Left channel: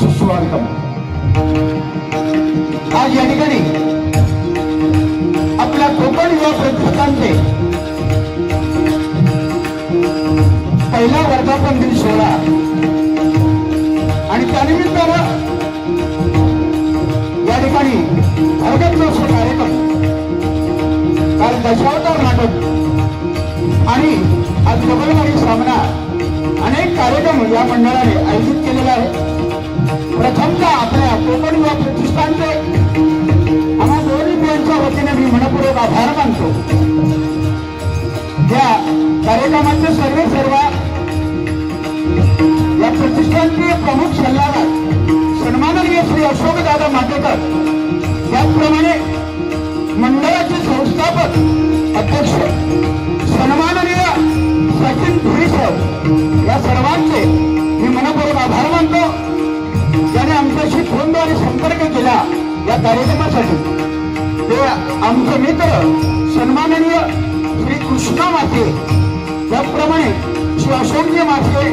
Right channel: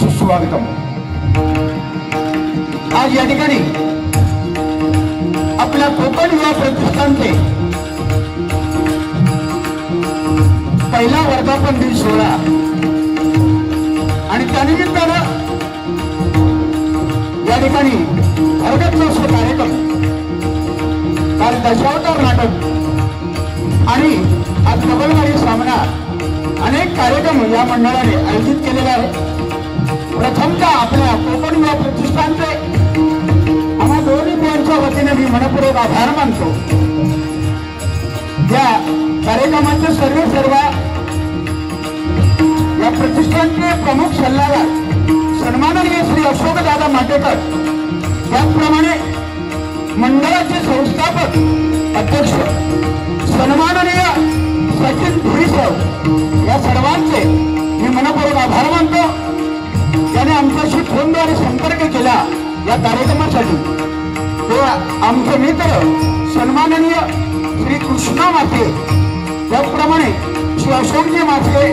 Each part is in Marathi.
सुस्वागतम. आज या ठिकाणी आपल्या कोकण युवा प्रतिष्ठानचे पहिला वर्धापन दिन सोहळा आणि त्यानिमित्तानं या ठिकाणी भरगच्च कार्यक्रम, काल दशावतार नाटक आणि आज डबलगाडी सामना अनेक कार्यक्रम या मंडळाने आयोजित केलेला आहे. प्रथमतः आपल्या कोकण युवा प्रतिष्ठानचे आम्हा दोन्ही पिढ्यांच्या वतीने मी मनपूर्वक आभार मानतो. या कार्यक्रमाचे सर्व या प्रतिष्ठानचे प्रमुख सल्लागार सन्माननीय श्री अशोकदादा माटेकर, त्याचप्रमाणे मंडळाचे संस्थापक अध्यक्ष सन्माननीय सचिन धुळीसर, या सर्वांचे मी मनपूर्वक आभार मानतो. ज्याने आमच्याशी फोनद्वारे संपर्क केला या कार्यक्रमासाठी. ते आमचे मित्र सन्माननीय श्री कृष्णा माथे, त्याचप्रमाणे श्री अशोकजी माथे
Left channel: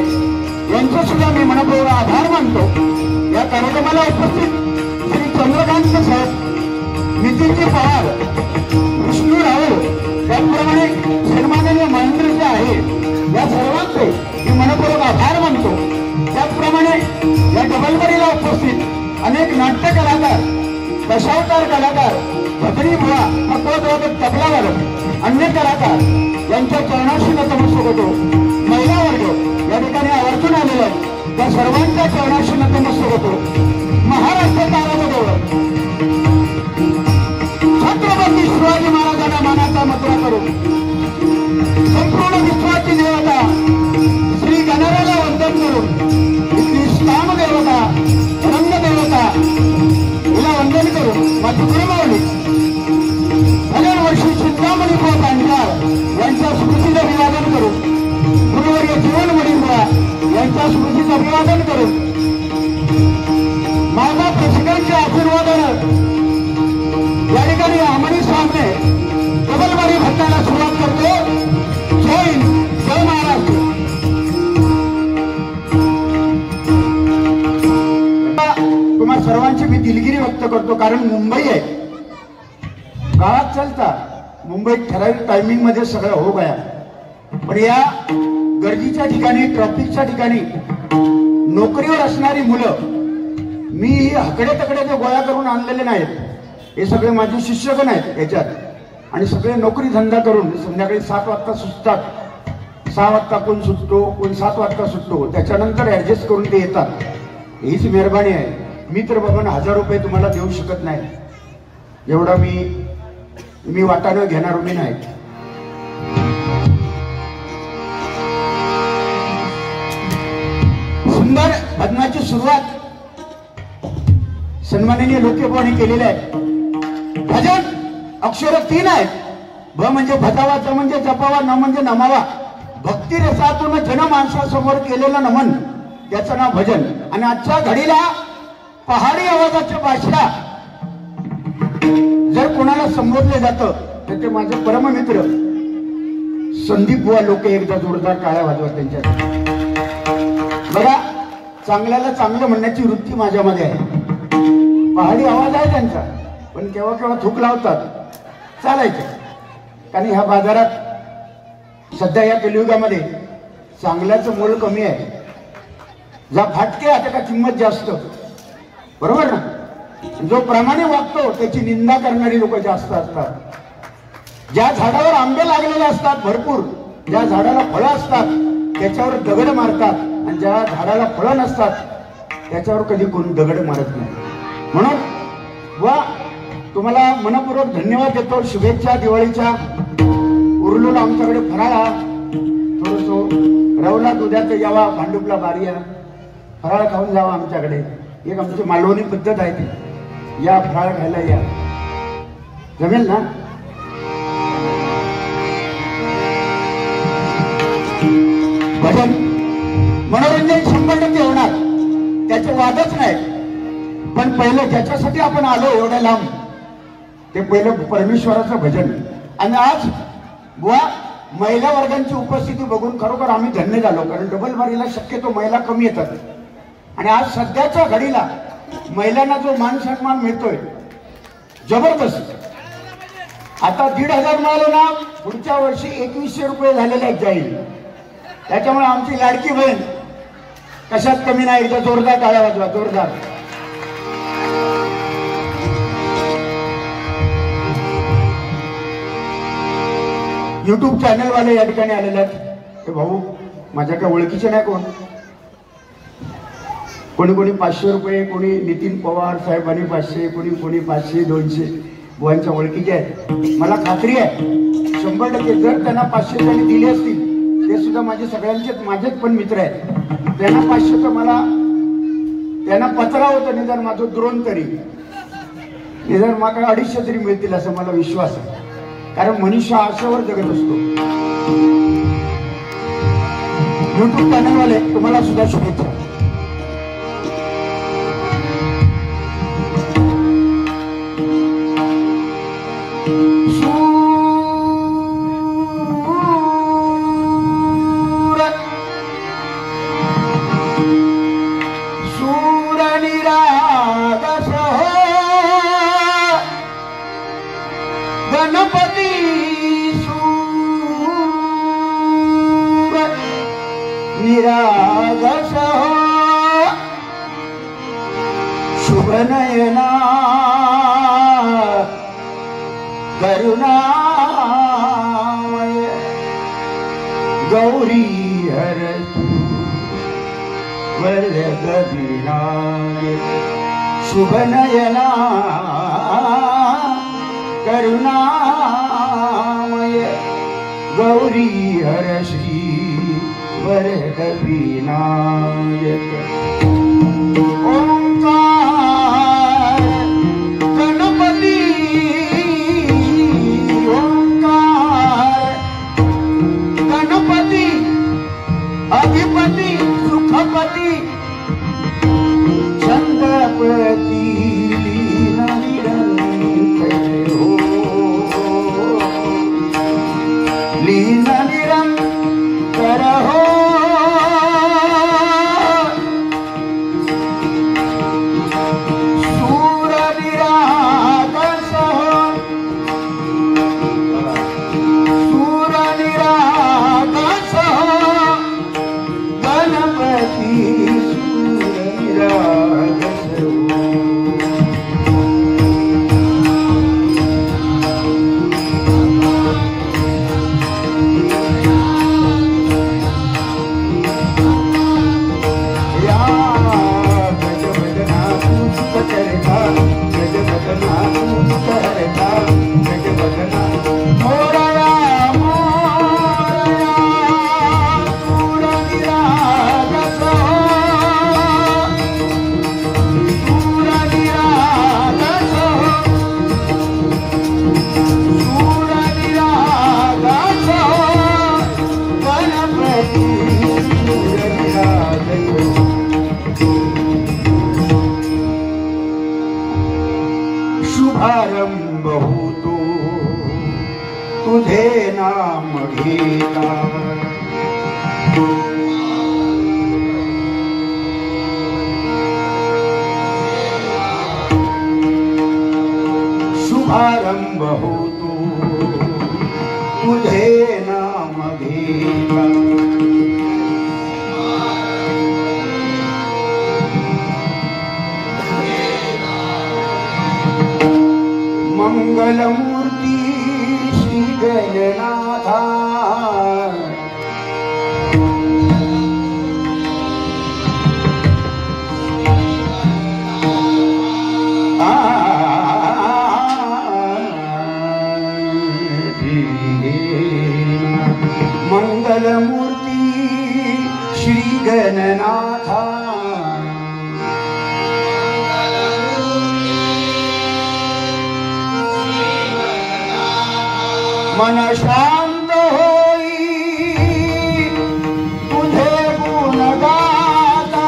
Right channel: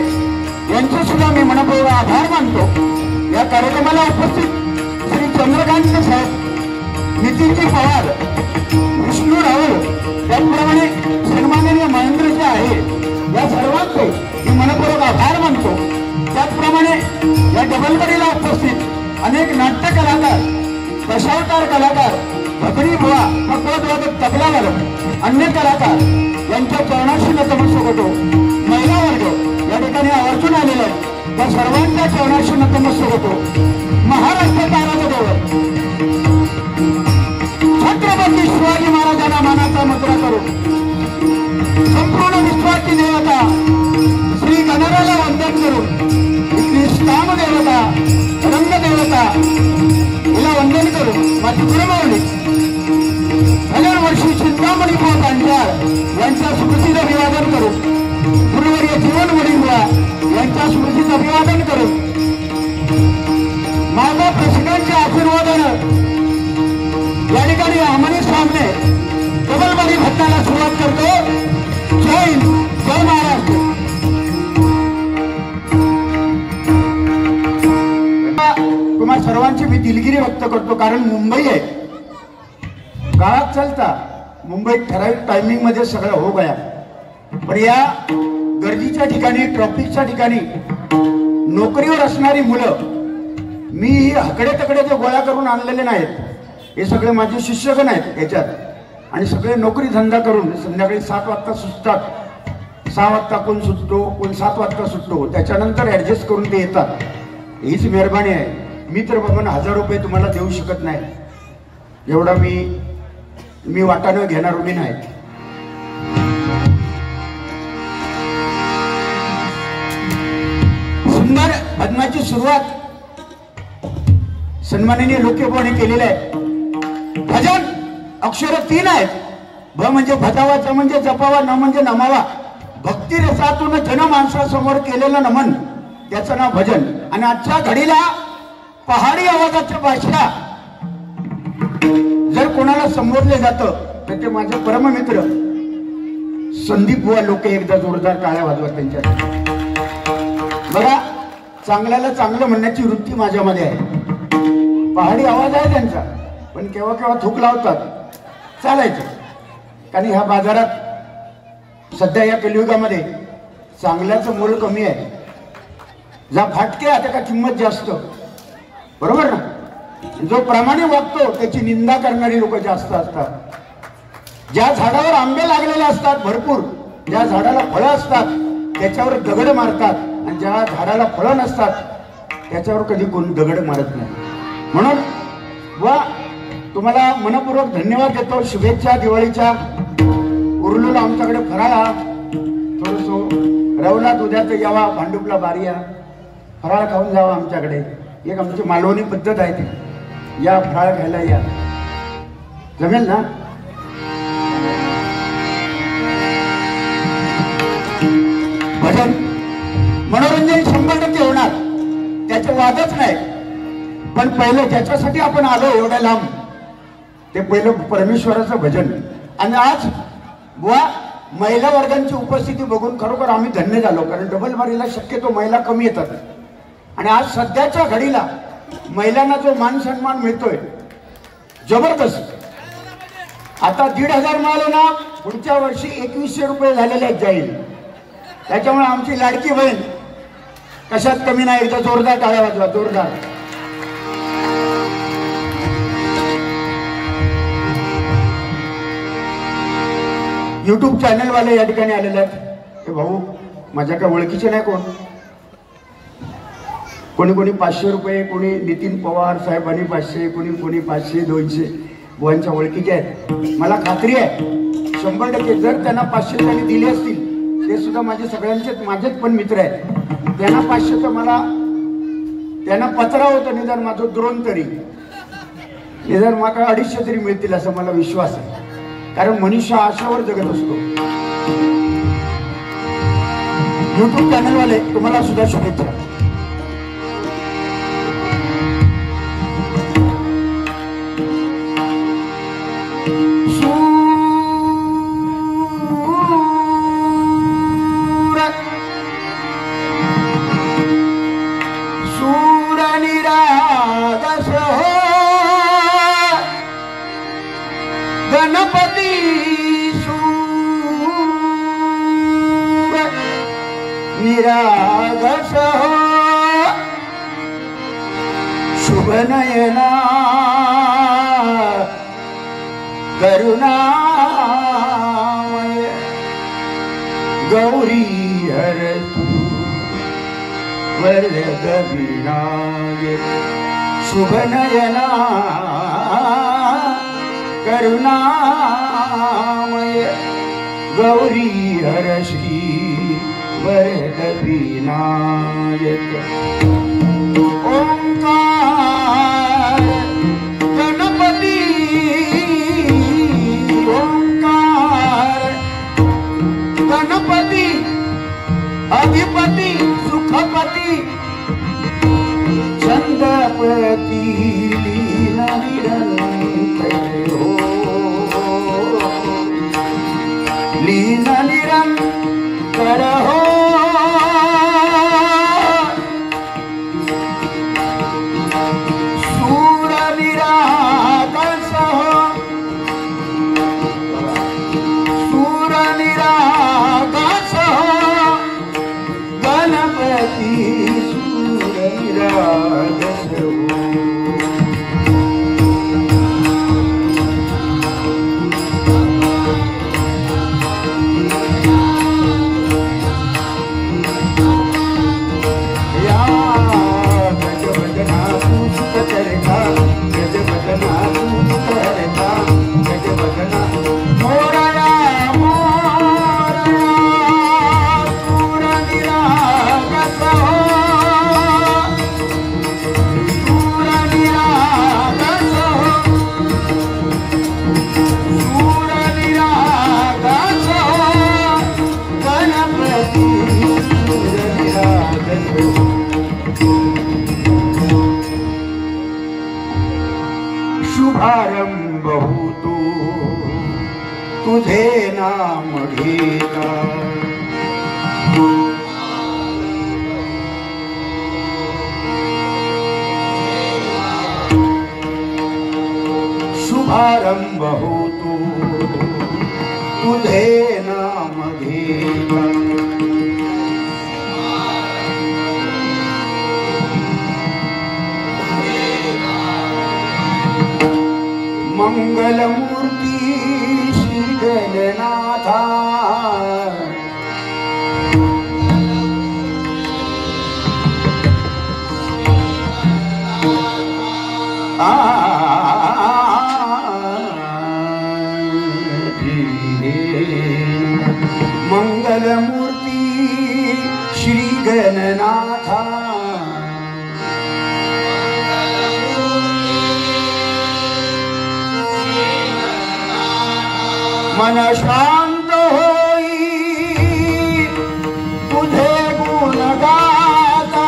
यांचे सुद्धा मी मनपूर्वक आभार मानतो. या कार्यक्रमाला उपस्थित श्री चंद्रकांत साहेब, नितीनजी पवार, विष्णू रावळ, त्याचप्रमाणे सन्माननीय महेंद्रजी आहे, या सर्वांचे मी मनपूर्वक आभार मानतो. त्याचप्रमाणे या डबलगाडीला उपस्थित अनेक नाट्य कलाकार, दशावतार कलाकार, भजनी बुवा, भगवत तबलावादक, अन्य कलाकार यांच्या चरणाशी नतमस्तक होतो. महिला वर्ग या ठिकाणी आवर्जून आलेला आहे, त्या सर्वांच्या चरणाशी नतमस्तक होतो. महाराष्ट्र तारादेवर छत्रपती शिवाजी महाराजांना मानाचा मुद्रा करून संपूर्ण विश्वाची देवता श्री गणराला वंदन करून इथली स्थान देवता, रंगदेवता हिला वंदन करून माझी गुरुमावली हजार वर्षी चिंतामणी पाच अंधार यांच्या स्मृतीचं अभिवादन करून, गुरुवर्य जीवन वडिंबा यांच्या स्मृतीचं अभिवादन करून, माझा प्रेसिडेंटच्या आशीर्वादानं या ठिकाणी आमनी सामने डबलगाडी भट्टाला सुरुवात करतो. जय हिंद, जय महाराष्ट्र. तुम्हा सर्वांची मी दिलगिरी व्यक्त करतो, कारण मुंबई आहे, काळात चालता मुंबईत ठराविक टायमिंग मध्ये सगळं हो गया. पण या गर्दीच्या ठिकाणी, ट्रॅफिकच्या ठिकाणी नोकरीवर असणारी मुलं मी हकडे तकडे जे गोळा करून आणलेले नाहीत, हे सगळे माझे शिष्यगण आहेत याच्यात, आणि सगळे नोकरी धंदा करून संध्याकाळी 7 वाजता सुटतात. 6 वाजता कोण सुटतो, कोण 7 वाजता सुटतो, त्याच्यानंतर ऍडजस्ट करून ते येतात. हीच मेहरबानी आहे. मी तर बाबा 1000 रुपये तुम्हाला देऊ शकत नाही, एवढा मी वाटाणं घेणार मी नाही. सुंदर भजनाची सुरुवात सन्माननीय लोकेपाने केलेलं आहे. भजन अक्षर 3 आहेत. भ म्हणजे भजावा, ज म्हणजे जपावा, न म्हणजे नमावा. भक्ती रसातून जनमानसासमोर केलेलं नमन, त्याचं नाव भजन. आणि आजच्या घडीला पहाडी आवाजाच्या भाषा जर कोणाला संबोधले जातं तर ते माझे परममित्र संदीप बुवा लोके. एकदा जोरदार टाळ्या वाजवा त्यांच्यासाठी. बघा, चांगल्याला चांगलं म्हणण्याची वृत्ती माझ्यामध्ये आहे. पहाडी आवाज आहे त्यांचा, पण केव्हा केव्हा थूक लावतात, चालायचं. कारण ह्या बाजारात सध्या या कलियुगामध्ये चांगल्याचं मोल कमी आहे. जा फाटके आता का किंमत जास्त, बरोबर ना. जो प्रामाणिक वागतो त्याची निंदा करणारी लोक जास्त असतात. ज्या झाडावर आंबे लागलेले असतात भरपूर, ज्या झाडाला फळं असतात त्याच्यावर दगड मारतात, आणि ज्या झाडाला फळं नसतात त्याच्यावर कधी कोणी दगड मारत नाही. म्हणून वा तुम्हाला मनपूर्वक धन्यवाद देतो. शुभेच्छा दिवाळीच्या. उरलेलं आमच्याकडे फराळ थोडस रवलात उद्या तर यावा, भांडुपला बारिया फराळ खाऊन जावा आमच्याकडे. एक आमची मालवणी पद्धत आहे ती, या फराळ खायला या, जमेल ना. भजन मनोरंजन 100% होणार, त्याचं वादच नाही. पण पहिलं ज्याच्यासाठी आपण आलो एवढ्या लांब, ते पहिलं परमेश्वराचं भजन. आणि आज बुवा महिला वर्गांची उपस्थिती बघून खरोखर आम्ही धन्य झालो. कारण डबल बारीला शक्यतो महिला कमी येतात, आणि आज सध्याच्या घडीला महिलांना जो मान सन्मान मिळतोय जबरदस्त. आता 1,500 मिळाले ना, पुढच्या वर्षी 2100 रुपये झालेले आहेत जाईल. त्याच्यामुळे आमची लाडकी बहीण कशात कमी नाही. एकदा जोरदार टाळ्या वाजवा, जोरदार. युट्यूब चॅनल वाले या ठिकाणी आलेले आहेत. ते भाऊ माझ्या काय ओळखीचे नाही कोण, कोणी कोणी 500 रुपये, कोणी नितीन पवार साहेबांनी 500, कोणी 500 200 बुवांच्या ओळखीचे आहेत. मला खात्री आहे 100% जर त्यांना 500 त्यांनी दिले असतील, ते सुद्धा माझे सगळ्यांचेच माझेच पण मित्र आहेत. त्यांना 500 तर मला त्यांना पत्रा होतं, निदान माझं द्रोण तरी निदान मला 250 तरी मिळतील असं मला विश्वास आहे. कारण मनुष्य आशावर जगत असतो. युट्यूब चॅनलवाले तुम्हाला सुद्धा शुभेच्छा. निरागस शुभनयना करुणामय गौरी हरतु वरद विनायक. शुभनयना करुणामय गौरी हरश्री वरद विनायक. ओंकार गणपती, ओंकार गणपती अधिपती सुखपती छंदपती लीन निरंतर हो, लीन निरंतर हो. तुझे नाम घेता शुभारंभ होतो तुझे नाम घेता मंगलमूर्ती श्री गणनाथा मंगलमूर्ती श्री गणनाथा मन शांत होई तुझे गुण गाता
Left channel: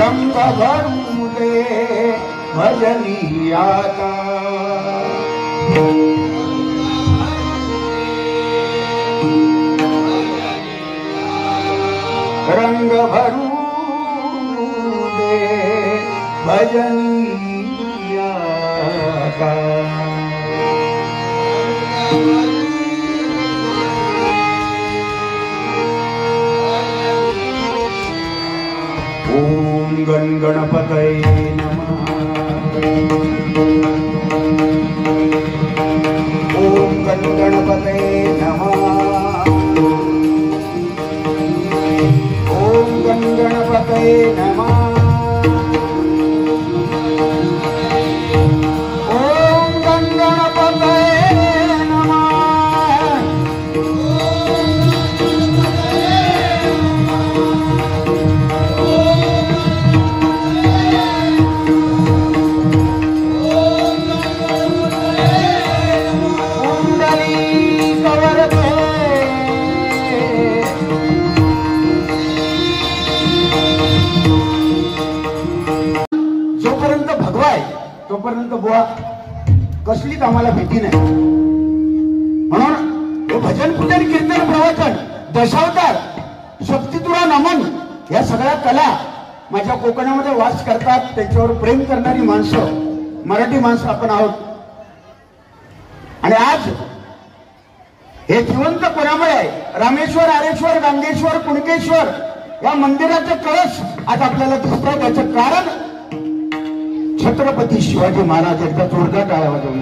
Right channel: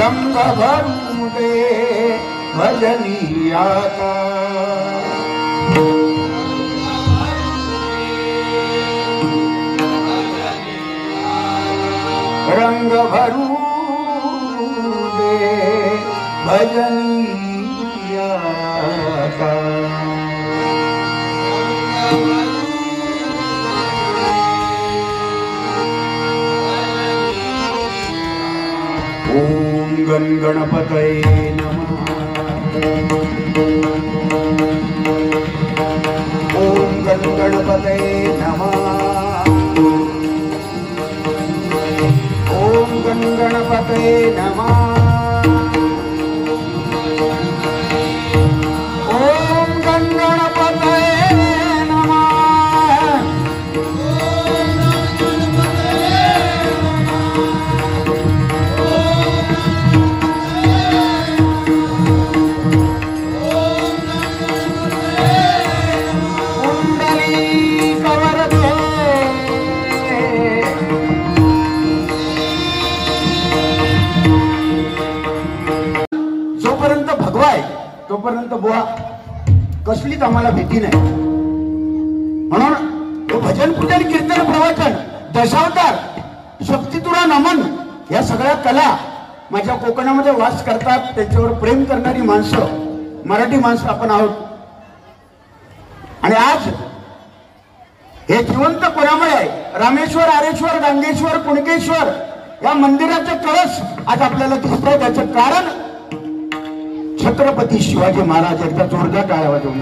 रंग भरू दे भजनियाता रंग भरू दे भजनियाता ओम गण गणपतये नमः ओम गण गणपतये नमः ओम गण गणपतये नमः ओम गण गणपतये नमः जोपर्यंत भगवाय तोपर्यंत बुवा कसलीच आम्हाला भीती नाही. म्हणून हे भजन पूजन कीर्तन प्रवचन दशावतार शक्ती तुला नमन या सगळ्या कला माझ्या कोकणामध्ये वास करतात. त्याच्यावर प्रेम करणारी माणसं मराठी माणसं आपण आहोत. आणि आज हे जिवंत कोणामुळे आहे. रामेश्वर आरेश्वर गंगेश्वर कुणकेश्वर या मंदिराचं कळस आज आपल्याला दिसतंय. त्याचं कारण छत्रपती शिवाजी महाराज एकदा जोरदार टाळ्या वाजवून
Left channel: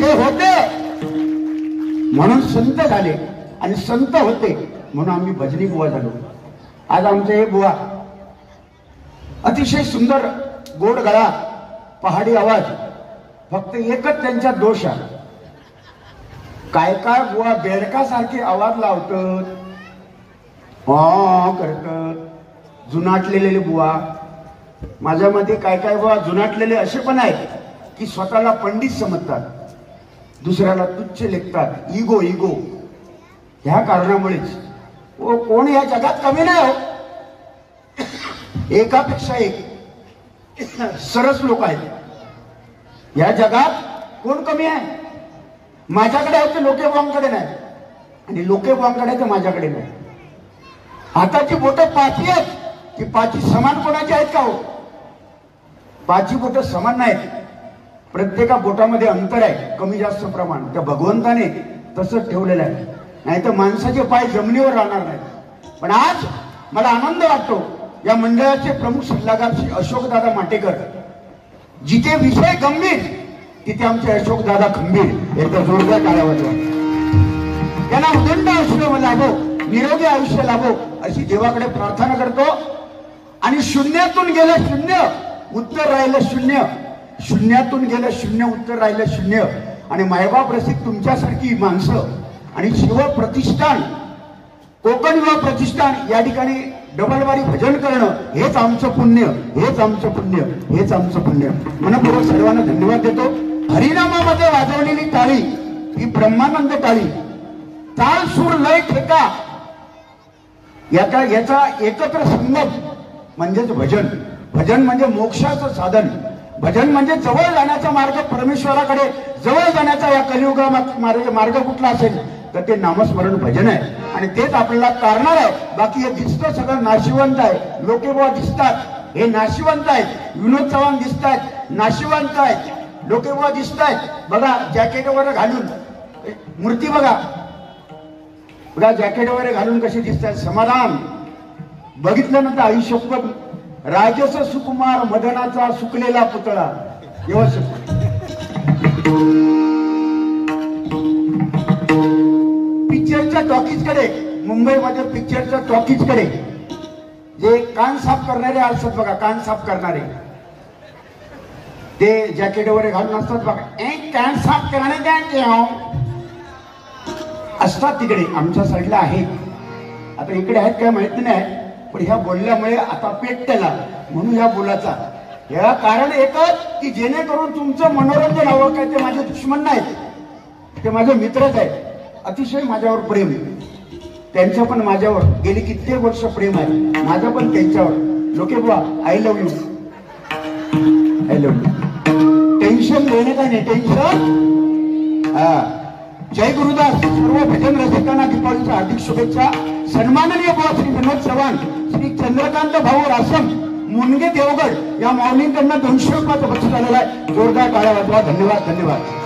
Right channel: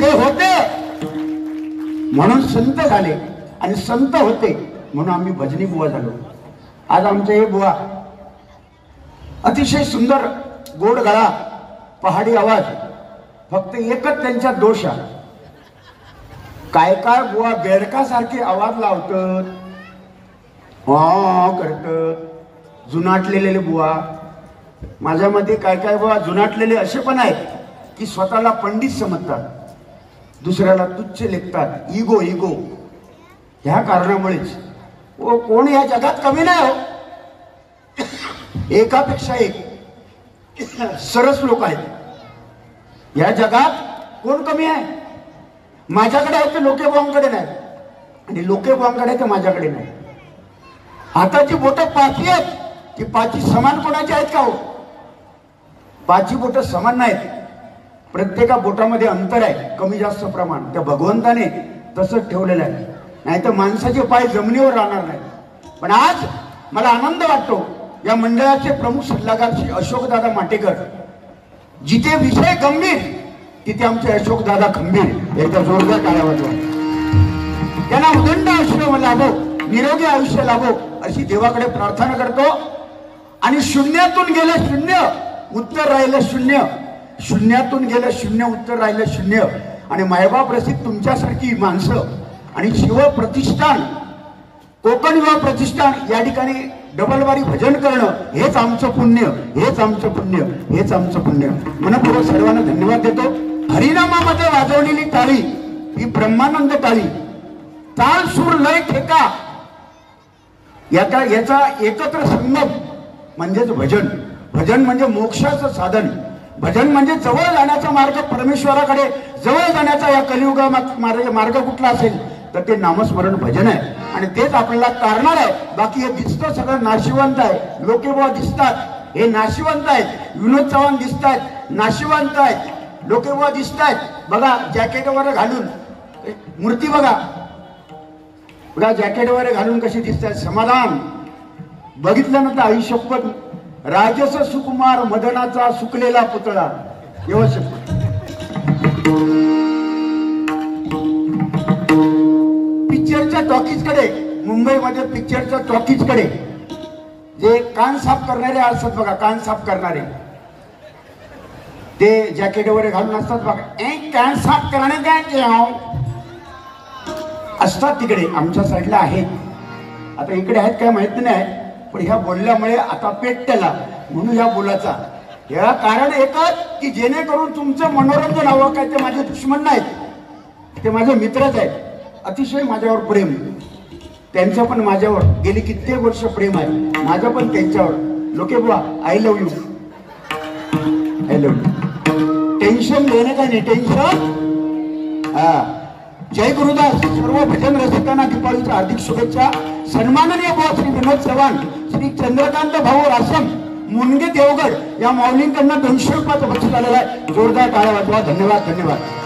ते होते म्हणून संत झाले आणि संत होते म्हणून आम्ही भजनी बुवा झालो. आज आमचे हे बुवा अतिशय सुंदर गोड गळा पहाडी आवाज. फक्त एकच त्यांचा दोष आहे. काय काय बुवा बेडकासारखे आवाज लावतात करतात. जुनाटलेले बुवा माझ्या मध्ये काय काय बुवा जुनाटलेले असे पण आहेत की स्वतःला पंडित समजतात दुसऱ्याला तुच्छ लेखतात. इगो इगो ह्या कारणामुळेच कोण या जगात कमी नाही हो. एकापेक्षा एक सरस लोक आहेत या जगात. कोण कमी आहे. माझ्याकडे आहे ते लोकेबांकडे नाही आणि लोकेबांकडे तर माझ्याकडे नाही. हाताची बोटं पाची आहेत ती पाची समान कोणाची आहेत का हो. पाची बोटं समान नाहीत. प्रत्येका बोटामध्ये अंतर आहे कमी जास्त प्रमाण. त्या भगवंताने तसंच ठेवलेलं आहे. नाही तर माणसाचे पाय जमिनीवर राहणार नाही. पण आज मला आनंद वाटतो या मंडळाचे प्रमुख सल्लागार श्री अशोकदादा माटेकर. जिथे विषय गंभीर तिथे आमचे अशोकदादा खंबीर. एकदा जोरदार टाळ्या वाजवा. त्यांना उदंड आयुष्य लाभो निरोगी आयुष्य लाभो अशी देवाकडे प्रार्थना करतो. आणि शून्यातून गेलं शून्य उत्तर राहिलं शून्य. शून्यातून गेलं शून्य उत्तर राहिलं शून्य. आणि मायबाप रसिक तुमच्यासारखी माणसं आणि शिव प्रतिष्ठान कोकण युवा प्रतिष्ठान या ठिकाणी डबलबारी भजन करणं हेच आमचं पुण्य. हेच आमचं पुण्य. हेच आमचं पुण्य. म्हणून तुला सर्वांना धन्यवाद देतो. हरिनामामध्ये वाजवलेली टाळी ही ब्रह्मानंद टाळी. ताल सूर लय ठेका याचा एकत्र संगम म्हणजेच भजन. भजन म्हणजे मोक्षाचं साधन. भजन म्हणजे जवळ जाण्याचा मार्ग, परमेश्वराकडे जवळ जाण्याचा या कलियुगात मार्ग कुठला असेल तर ते नामस्मरण भजन आहे. आणि तेच आपल्याला तारणार आहे. बाकी हे दिसतं सगळं नाशिवंत आहे. लोकेबुवा दिसतात हे नाशिवंत आहेत. विनोद चव्हाण दिसतात नाशिवंत आहेत. लोकेबुवा दिसतात बघा जॅकेट वगैरे घालून, मूर्ती बघा बघा जॅकेट वगैरे घालून कशी दिसतात. समाधान बघितल्यानंतर आयुष्यभर राजस सुकुमार मदनाचा सुकलेला पुतळा व्यवस्थित. पिक्चरच्या टॉकीजकडे, मुंबईमध्ये पिक्चरच्या टॉकीजकडे जे कान साफ करणारे असतात बघा, कान साफ करणारे ते जॅकेट वगैरे घालून असतात बघा. एक कान साफ करणारे काय असतात तिकडे आमच्या साईडला आहेत. आता इकडे आहेत काय माहित नाही, पण ह्या बोलल्यामुळे आता पेटला म्हणून या बोलाचा. या कारण एकच की जेणेकरून तुमचं मनोरंजन हवं. काय ते माझे दुश्मन नाहीत, ते माझे मित्रच आहेत. अतिशय माझ्यावर प्रेम, त्यांचं पण माझ्यावर गेली कित्येक वर्ष प्रेम आहे. माझं पण त्यांच्यावर. लोकेबुवा I love you, I love you. Tension देणे का नाही टेन्शन. जय गुरुदास. सर्व भजन रसिकांना दीपावलीच्या हार्दिक शुभेच्छा. सन्माननीय बुवा श्री विनोद चव्हाण, श्री चंद्रकांत भाऊ रासम, मुनगे देवगड या माऊलींकडनं 200 रुपयाचं बक्षीस आलेलं आहे. जोरदार टाळ्या वाजवा. धन्यवाद धन्यवाद.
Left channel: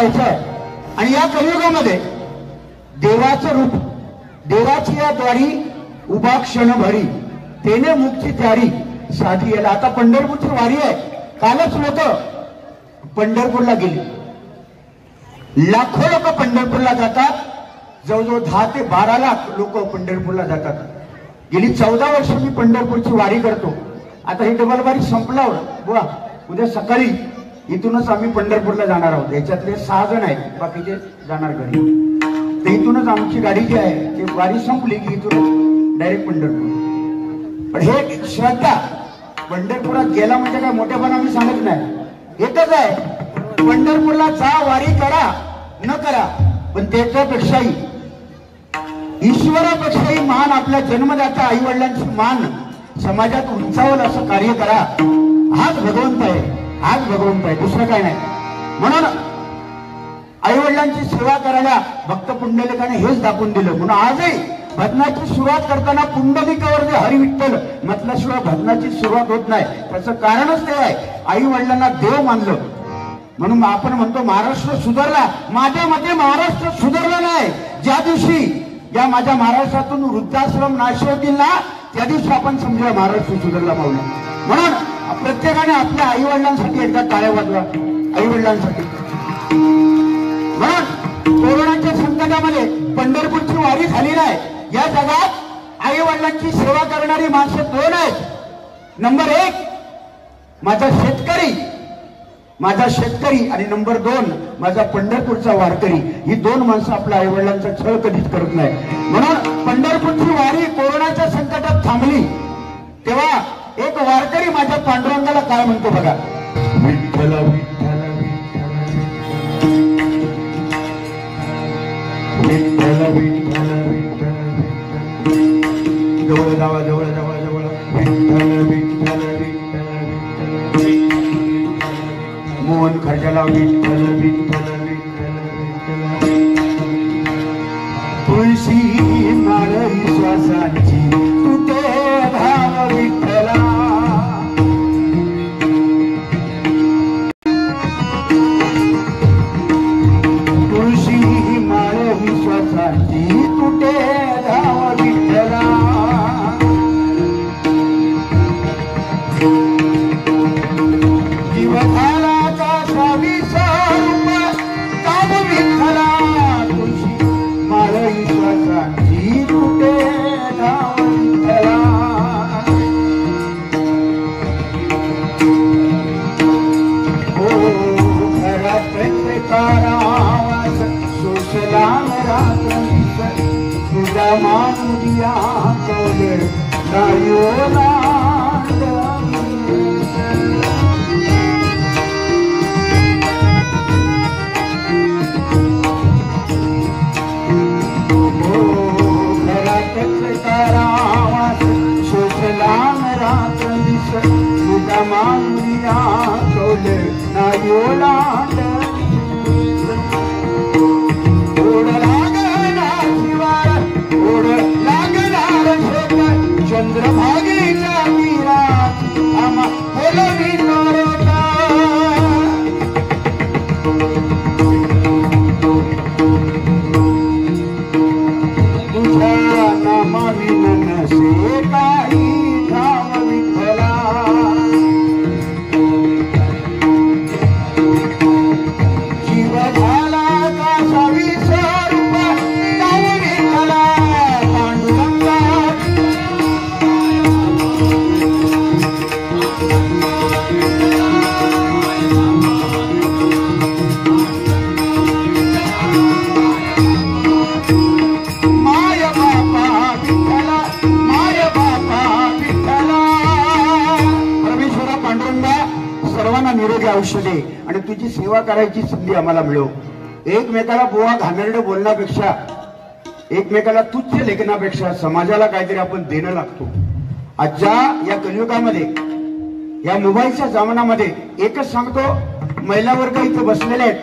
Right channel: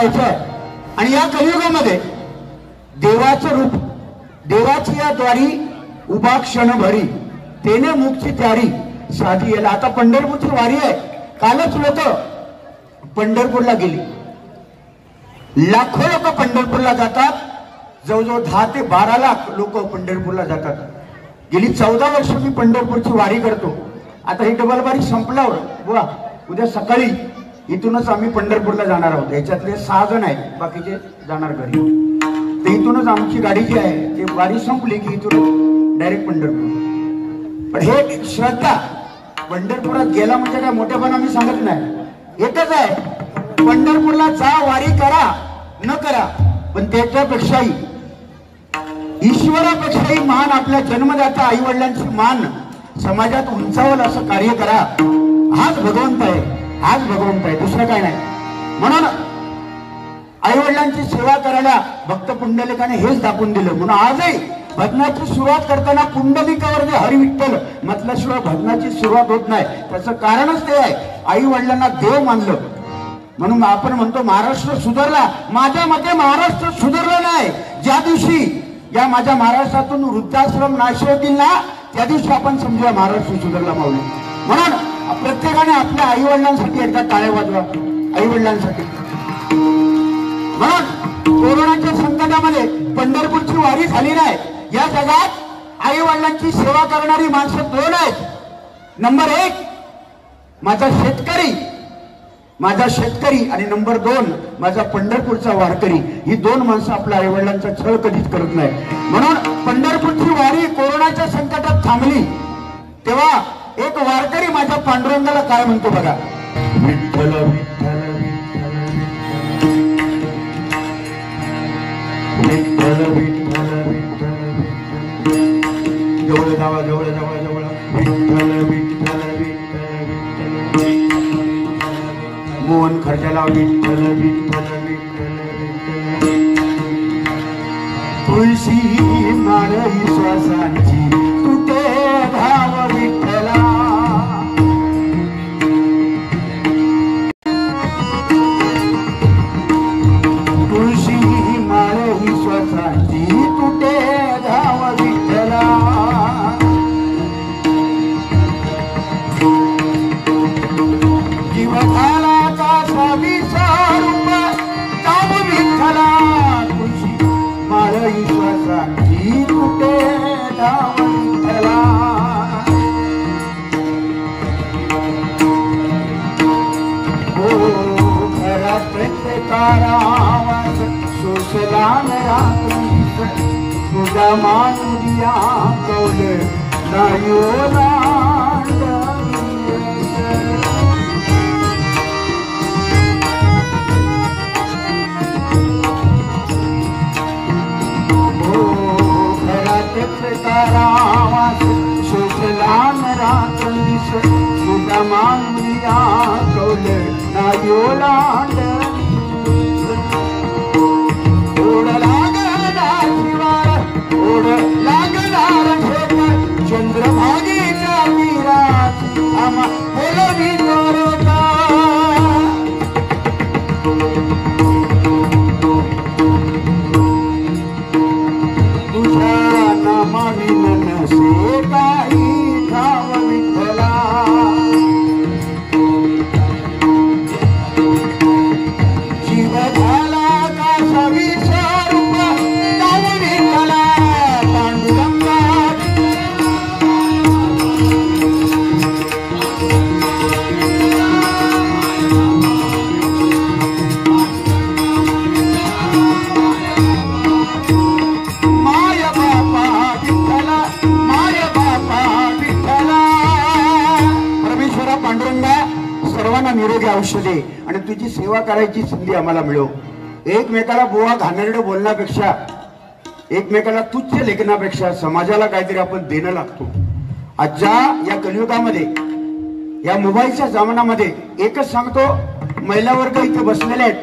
आणि या कलियुगामध्ये देवाचं रूप देवाची या द्वारी उभा क्षण भरी तेने मुक्ती त्यारी साधी याला. आता पंढरपूरची वारी आहे. कालच लोक पंढरपूरला गेली. लाखो लोक पंढरपूरला जातात. जवळजवळ 10 ते 12 लाख लोक पंढरपूरला जातात. गेली 14 वर्ष मी पंढरपूरची वारी करतो. आता ही डबल वारी संपल्यावर बुवा उद्या सकाळी इथूनच आम्ही पंढरपूरला जाणार आहोत. याच्यातले 6 जण आहेत, बाकीचे जाणार घरी. तर इथूनच आमची गाडी जी आहे ती वारी संपली की इथूनच डायरेक्ट पंढरपूर. पण हे श्रद्धा पंढरपुरात गेला म्हणजे काय मोठेपणा मी सांगत नाही. एकच आहे, पंढरपूरला जा, वारी करा न करा, पण त्याच्यापेक्षाही ईश्वरापेक्षाही मान आपल्या जन्मदाता आई वडिलांची मान समाजात उंचावल असं कार्य करा. हाच भगवंत आहे, हाच भगवंत आहे, दुसरं काय नाही. म्हणून आई वडिलांची सेवा करायला भक्त पुंडलिकाने हेच दाखवून दिलं. म्हणून आजही भजनाची सुरुवात करताना पुंडलिकावर जे हरिविठ्ठल म्हटल्याशिवाय भजनाची सुरुवात होत नाही. त्याचं कारणच ते आहे, आई वडिलांना देव मानलं. म्हणून आपण म्हणतो महाराष्ट्र सुधारला. माझ्या मते महाराष्ट्र सुधारला नाही. ज्या दिवशी या माझ्या महाराष्ट्रातून वृद्धाश्रम नाश होतील ना, त्या दिवशी आपण समजूया महाराष्ट्र सुधारला पाहूया. म्हणून प्रत्येकाने आपल्या आई वडिलांसाठी एकदा टाळ्या वाजवा, आई वडिलांसाठी. म्हणून कोरोनाच्या संकटामध्ये पंढरपूरची वारी झाली नाही. या जगात आई वडिलांची सेवा करणारी माणसं 2 आहेत. नंबर 1 माझा शेतकरी आणि नंबर 2 माझा पंढरपूरचा वारकरी. ही 2 माणसं आपल्या आई वडिलांचा छळ कधीच करत नाही. म्हणून पंढरपूरची वारी कोरोनाच्या संकटात थांबली तेव्हा एक वारकरी माझ्या पांडुरंगाला काय म्हणतो बघा. विठ्ठल विठ्ठल विठ्ठल विठ्ठल जवळ जावा जवळ जावा जवळ विठ्ठल विठ्ठल विठ्ठल मोहन खर्जाला विठ्ठल विठ्ठल तुळशी माळी श्वासाची तुटे धाम विठ्ठला तुळशी माळी श्वासाची तुटे धाम विठ्ठला जीव झाला का स्वामीचा रूप धाम विठ्ठला तुळशी माळी श्वासाची तुटे धाम विठ्ठला ओ घरात प्रत्येकाला आवाज सोसला रात्रीच तुझा मानुया कौले नायो चंद्रभागेच्या तीरात आम्हा बोलवी तुझ्या नामाविन नसे काही ठाव विठ्ठला जीव झाला का स्वामीचा रूप धाम विठ्ठला पांडुरंगा माय बापा विठ्ठला माय बापा विठ्ठला परमेश्वरा पांडुरंगा सर्वांना निरोगी औषधे आणि तुझी सेवा करायची संधी आम्हाला मिळो एकमेकाला बोवा घाणेरडं बोलण्यापेक्षा एकमेकाला तुच्छ लेखनापेक्षा समाजाला काहीतरी आपण देणं लागतो आजच्या या कलियुगामध्ये या मोबाईलच्या जमान्यामध्ये एकच सांगतो महिला वर्ग इथे बसलेले आहेत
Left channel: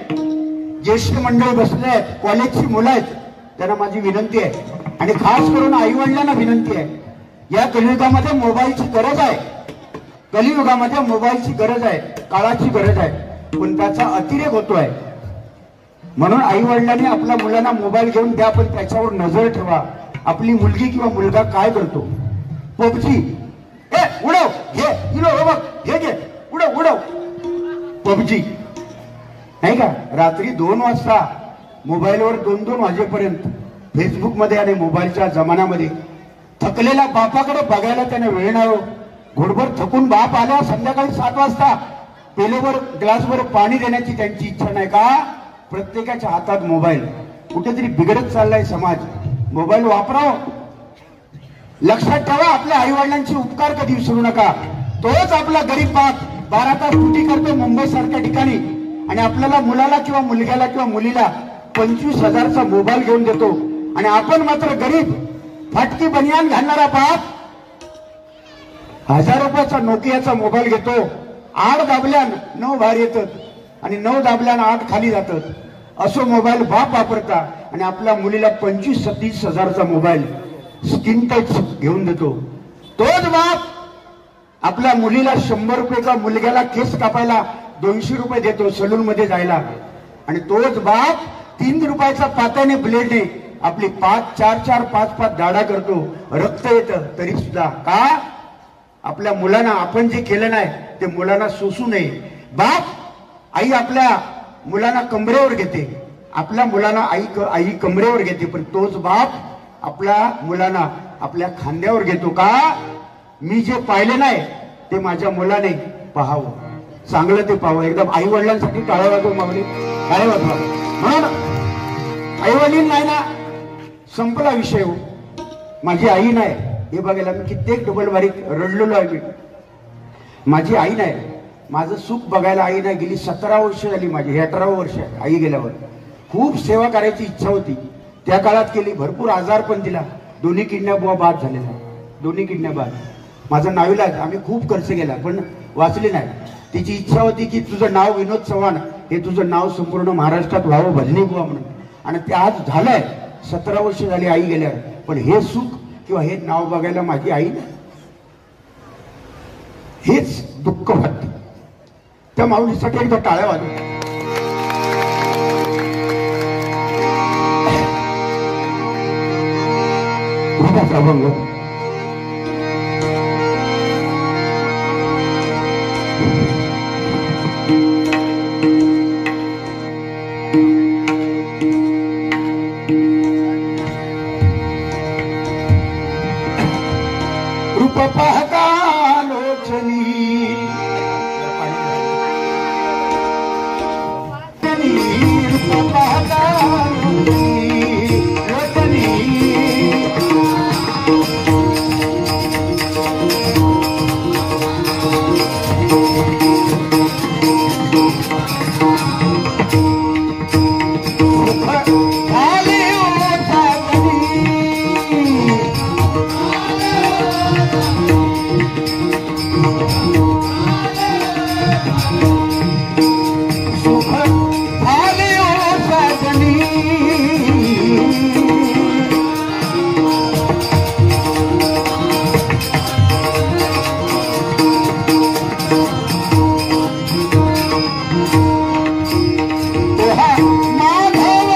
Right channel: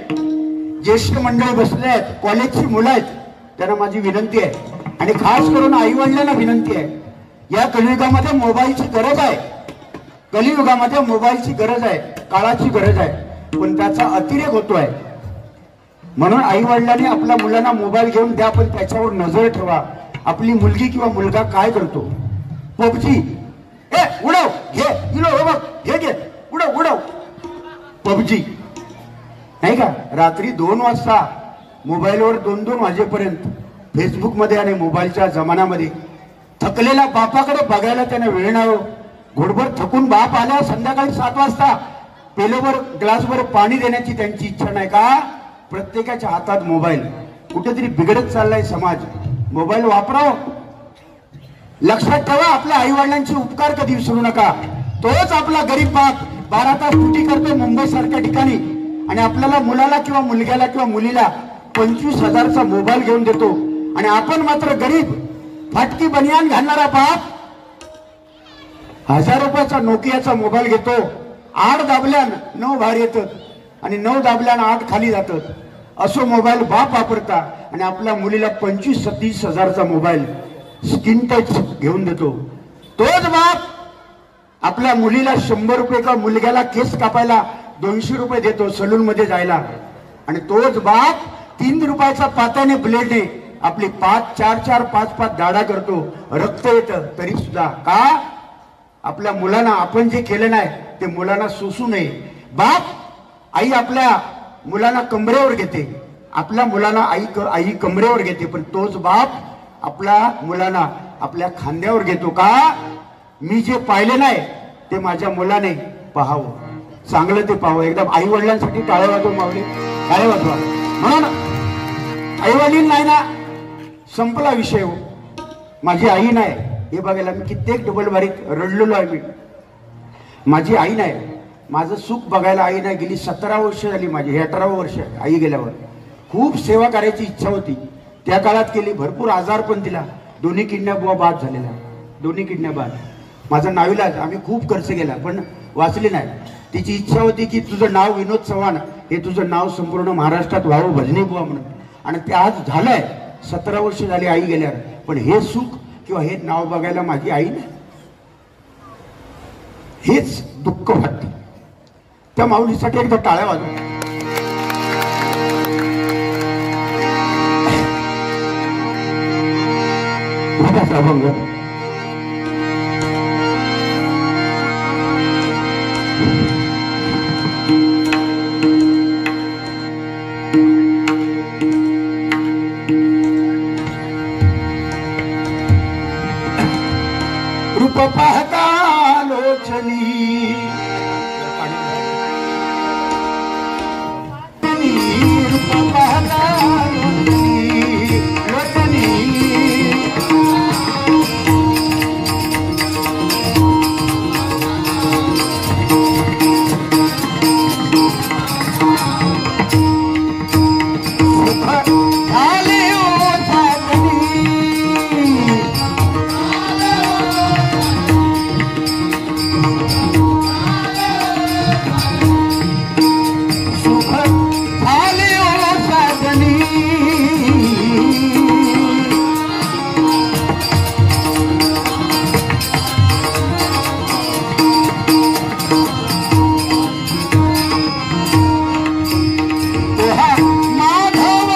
ज्येष्ठ मंडळी बसले आहेत कॉलेजची मुलं आहेत त्यांना माझी विनंती आहे आणि खास करून आई वडिलांना विनंती आहे या कलियुगामध्ये मोबाईलची गरज आहे कलियुगामध्ये मोबाईलची गरज आहे काळाची गरज आहे पण त्याचा अतिरेक होतोय म्हणून आई वडिलांनी आपल्या मुलांना मोबाईल घेऊन द्या पण त्याच्यावर नजर ठेवा आपली मुलगी किंवा मुलगा काय करतो पबजी ए उडव घे इलो हे बघ हे घे उडव उडव पबजी नाही का रात्री 2 वाजता मोबाईलवर 2-2 वाजेपर्यंत फेसबुक मध्ये आणि मोबाईलच्या जमान्यामध्ये थकलेल्या बापाकडे बघायला त्याने वेळ नाही घोडभर थकून बाप आल्या संध्याकाळी 7 वाजता पेलोभर ग्लासभर पाणी देण्याची त्यांची इच्छा नाही का प्रत्येकाच्या हातात मोबाईल कुठेतरी बिघडत चाललाय समाज मोबाईल वापराव लक्षात ठेवा आपल्या आई वडिलांचे उपकार कधी विसरू नका तोच आपला गरीब बाप 12 तास ड्युटी करतोय मुंबई सारख्या ठिकाणी आणि आपल्याला मुलाला किंवा मुलग्याला किंवा मुलीला 25,000चा मोबाईल घेऊन देतो आणि आपण मात्र गरीब फाटकी बनियान घालणारा बाप 1000 रुपयाचा नोकियाचा मोबाईल घेतो 8 दाबल्यान 9 बाहेर येतात आणि 9 दाबल्यान 8 खाली जातात असो मोबाईल बाप वापरता आणि आपल्या मुलीला 25-30,000चा मोबाईल स्क्रीन टच घेऊन देतो तोच बाप आपल्या मुलीला 100 रुपये का मुलग्याला केस कापायला 200 रुपये देतो सलून मध्ये जायला आणि तोच बाप 3 रुपयाचा पात्याने ब्लेडने आपली 5-4-5 दाढा करतो रक्त येतं तरी सुद्धा का आपल्या मुलांना आपण जे केलं नाही ते मुलांना सोसू नये बाप आई आपल्या मुलांना कमरेवर घेते आपल्या मुलांना आई कमरेवर घेते पण तोच बाप आपल्या मुलांना आपल्या खांद्यावर घेतो का मी जे पाहिले नाही ते माझ्या मुलाने पाहावं चांगलं ते पाहावं एकदम आई वडिलांसाठी टाळ्या वाजव मागली काय वाजवा म्हणून आई वडील नाही ना संपला विषय हो माझी आई नाही हे बघायला मी कित्येक डबल बारीक रडलेलो आहे मी माझी आई नाही माझं सुख बघायला आई नाही गेली 17 वर्ष झाली माझी 18वं वर्ष आई गेल्यावर खूप सेवा करायची इच्छा होती त्या काळात केली. भरपूर आजार पण दिला. दोन्ही किडन्या बुवा बाद झालेल्या, दोन्ही किडन्या बाद. माझं नाविलाज, आम्ही खूप खर्च केला पण वाचली नाही. तिची इच्छा होती की तुझं नाव विनोद चव्हाण, हे तुझं नाव संपूर्ण महाराष्ट्रात व्हावं भजनी बुवा म्हणून. आणि ते आज झालंय. 17 वर्ष झाली आई गेल्यावर. पण हे सुख किंवा हे नाव बघायला माझी आई नाही. हेच दुःख वाटतं. त्या माऊलीसाठी एकदा टाळ्या वाजवा. अभंग रूप पाहता लोचनी रूप पाहता लोचनी माधव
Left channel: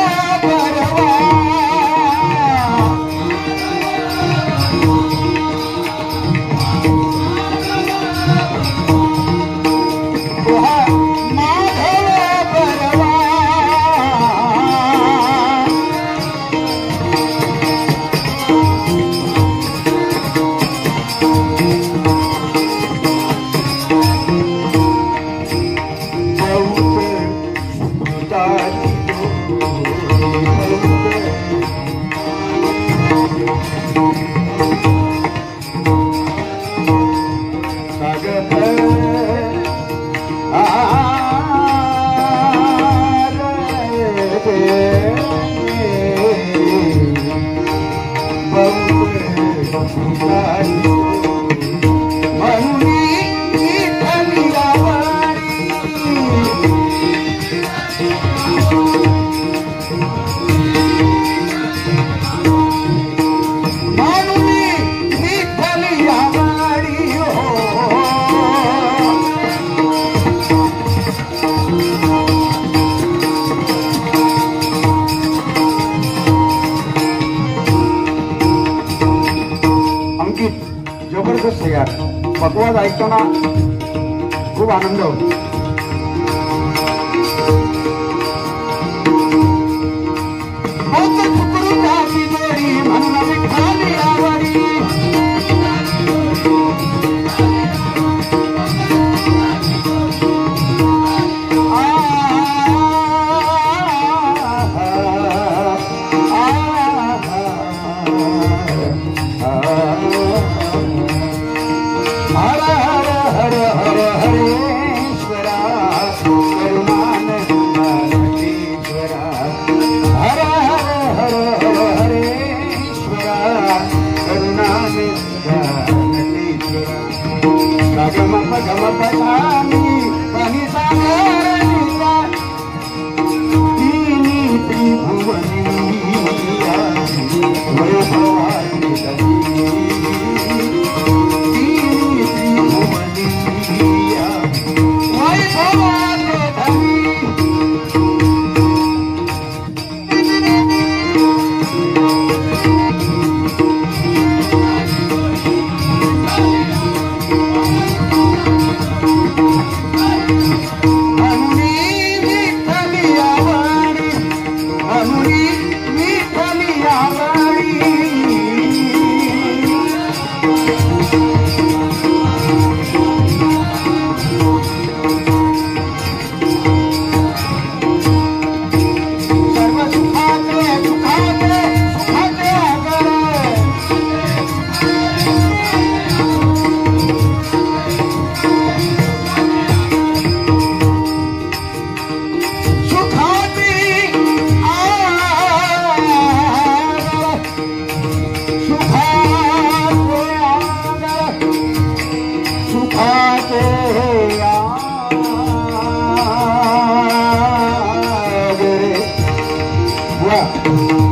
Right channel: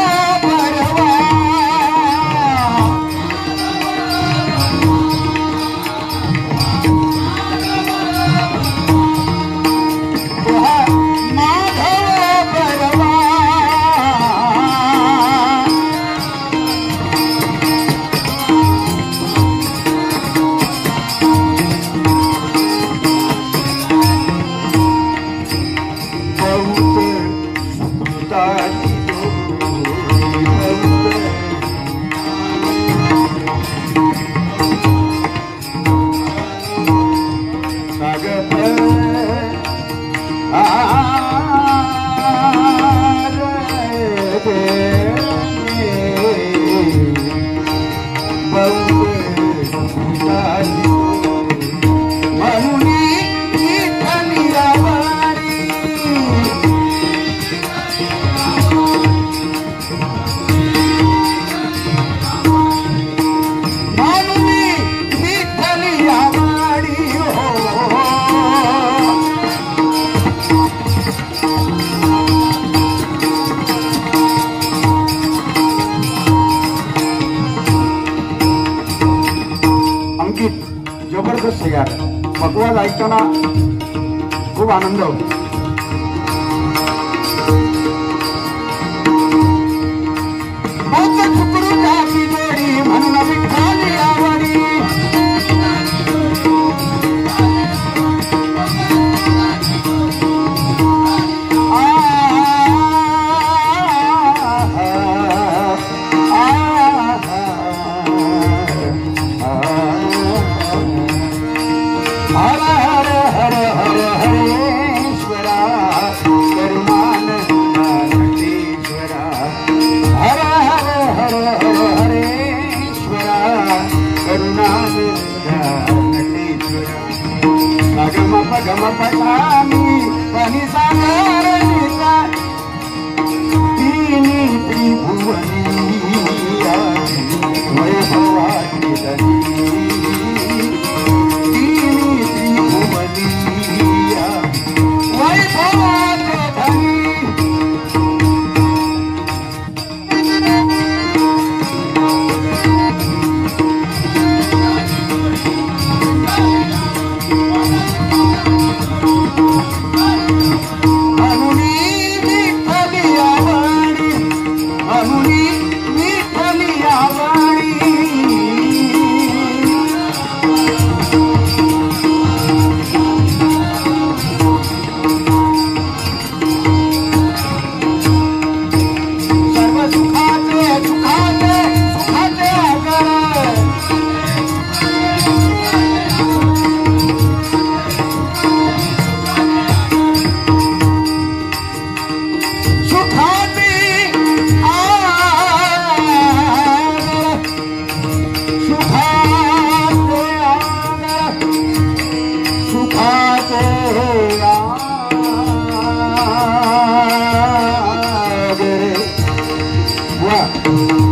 करा.